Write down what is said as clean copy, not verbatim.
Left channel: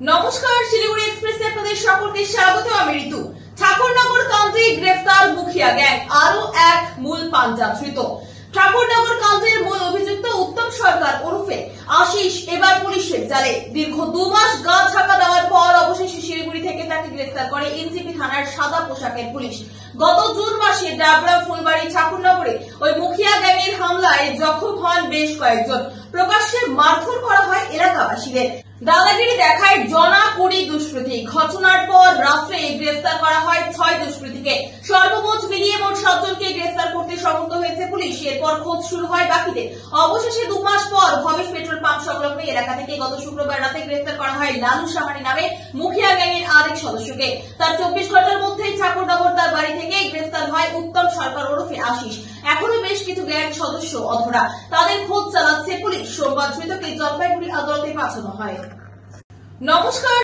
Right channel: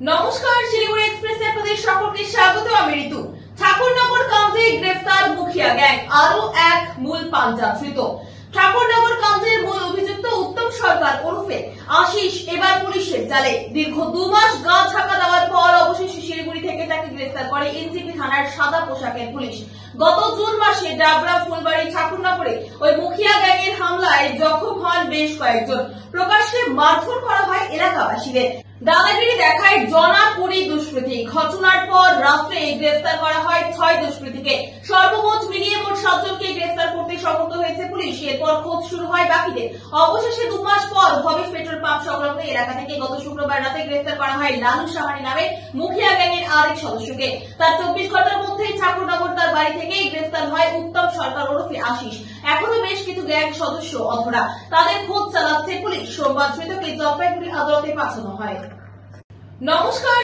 নমস্কার, শিলিগুড়ি এক্সপ্রেসে আপনাদের সকলকে স্বাগত। আমি ঋতু। ঠাকুরনগর কাণ্ডে গ্রেফতার মুখিয়া গ্যাং, আরো এক মূল পাঞ্জা ধৃত। ঠাকুরনগর কাণ্ডের মূল অভিযুক্ত উত্তম সরকার ওরফে আশিস এবার পুলিশের জালে। দীর্ঘ 2 মাস গা ঢাকা দেওয়ার পর অবশেষে শিলিগুড়ি থেকে তাকে গ্রেফতার করে এনসিপি থানার সাদা পোশাকের পুলিশ। গত জুন মাসে ডাবরা ফুলবাড়ি ঠাকুরনগরে ওই মুখিয়া গ্যাংয়ের হামলায় জখম হন বেশ কয়েকজন। প্রকাশ্যে মারধর করা হয় এলাকাবাসীদের। দাদাগিরি দেখায় জনা 20 দুষ্কৃতী। ঘটনার পর রাত্রে গ্রেফতার করা হয় 6 দুষ্কৃতীকে। সর্বমোট মিলিয়ে মোট 7 জনকে গ্রেফতার করতে সমর্থ হয়েছে পুলিশ। এরপর খোঁজ শুরু হয় বাকিদের। অবশেষে 2 মাস পর ভবেশ পেট্রোল পাম্প সংলগ্ন এলাকা থেকে গত শুক্রবার রাতে গ্রেফতার করা হয় লালু সাহানি নামে মুখিয়া গ্যাংয়ের আরেক সদস্যকে। তার 24 ঘন্টার মধ্যেই ঠাকুরনগর তার বাড়ি থেকে গ্রেফতার হয় উত্তম সরকার ওরফে আশিস। এখনো বেশ কিছু গ্যাং সদস্য অধরা, তাদের খোঁজ চালাচ্ছে পুলিশ। সোমবার ধৃতকে জলপাইগুড়ি আদালতে পাঠানো হয়। নমস্কার।